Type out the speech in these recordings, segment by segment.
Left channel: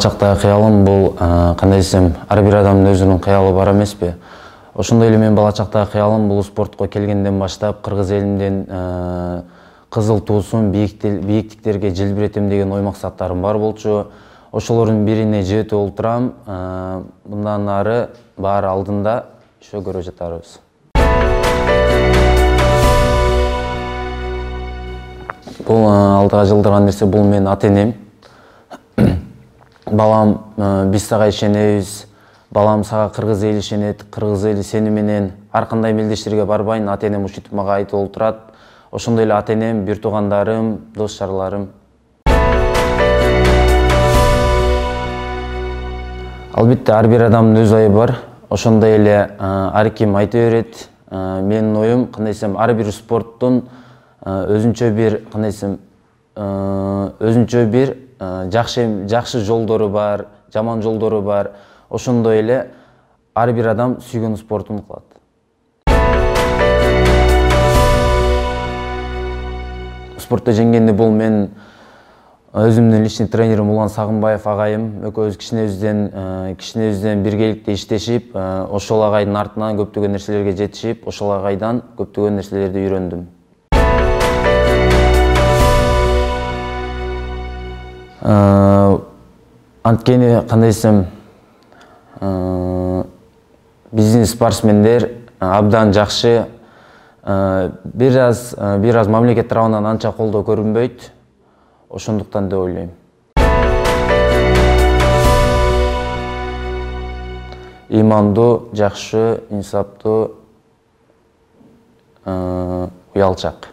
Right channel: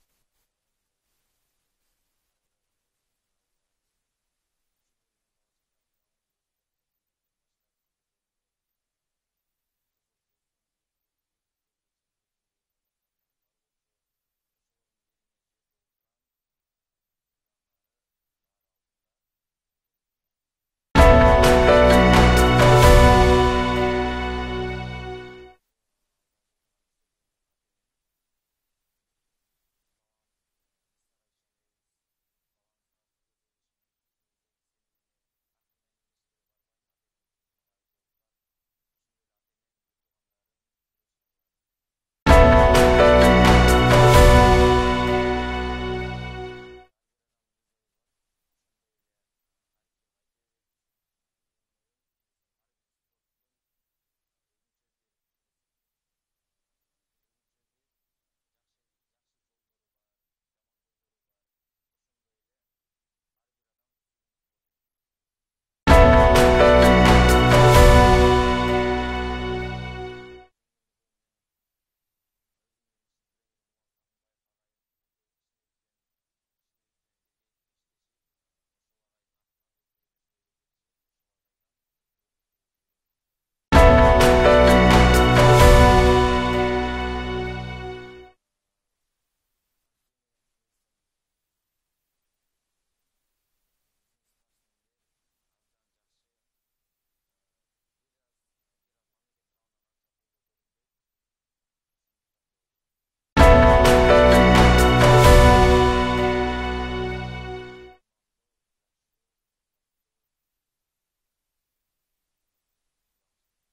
чактагы кыялым бул кандай десем, ар бир адамдын өзүнүн кыялы бар эмеспи? Ошондой эле мен бала чактагы кыялым бул спортко келгенден баштап кыргыз элинин кызыл туусун бийиктиктерге желбиретем деген ой максаттарым бар болчу. Ошолордун бирине жетип олтурам. Мындан ары баары алдында ошо көрө жатарбыз. Бул алдыга жылдырган нерсе, бул менин ата-энем. Балам, биз сага ишенебиз. Балам, сага кыргыз эли ишенет, кыргыз эли сени менен ар кандай мелдештерге барбайын, ата-энем ушинтип мага айтып олтурат. Ошондой эле ата-энем, бир туугандарым, дос жарларым. Албетте ар бир адамдын өз ою бар. Ошондой эле ар ким айта берет. Менин оюм, кандай десем, ар бир спорттун өзүнчө бир, кандай десем, өзүнчө бир жакшы жолдору бар, жаман жолдору бар. Ошондой эле ар бир адам сүйгөн спортун кылат. Спортто жеңгенде бул мен өзүмдүн личный тренерим Улан Сагынбаев агайым экөөбүз кичинебизден биргеликте иштешип, ошол агайдын артынан көптөгөн нерселерге жетишип, ошол агайдан көптөгөн нерселерди үйрөндүм. Анткени, кандай десем, биздин спортсмендер абдан жакшы, бир аз мамлекет тарабынан анча колдоо көрүнбөйт. Ошондуктан деп ойлойм. Имандуу, жакшы, инсаптуу, уялчак.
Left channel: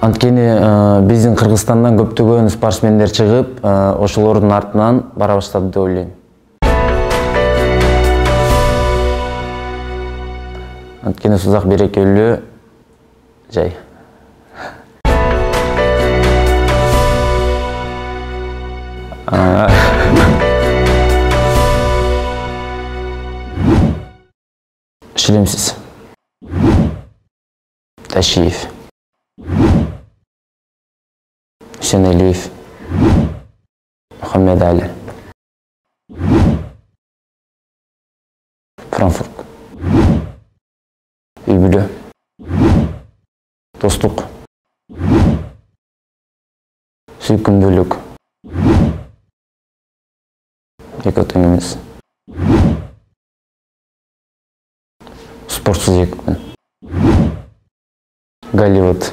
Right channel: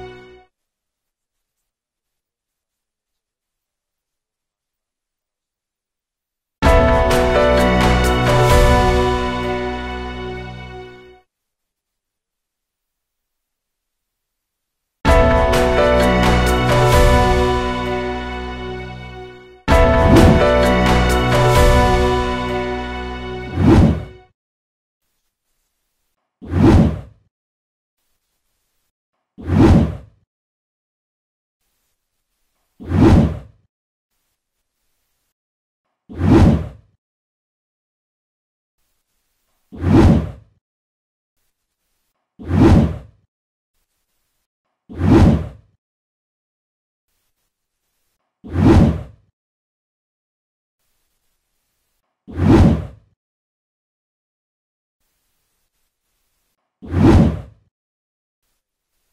Анткени биздин Кыргызстандан көптөгөн спортсмендер чыгып, ошолордун артынан бара баштады деп ойлойм. Анткени Сузак берекелүү жай. Шилемсиз. Ташиев. Сенелиев. Мухаммедали. Франкфурт. Үлбүлө. Достук. Сүйкүмдүүлүк. Эки тең эмес. Спортсуз 2 күн. Голливуд.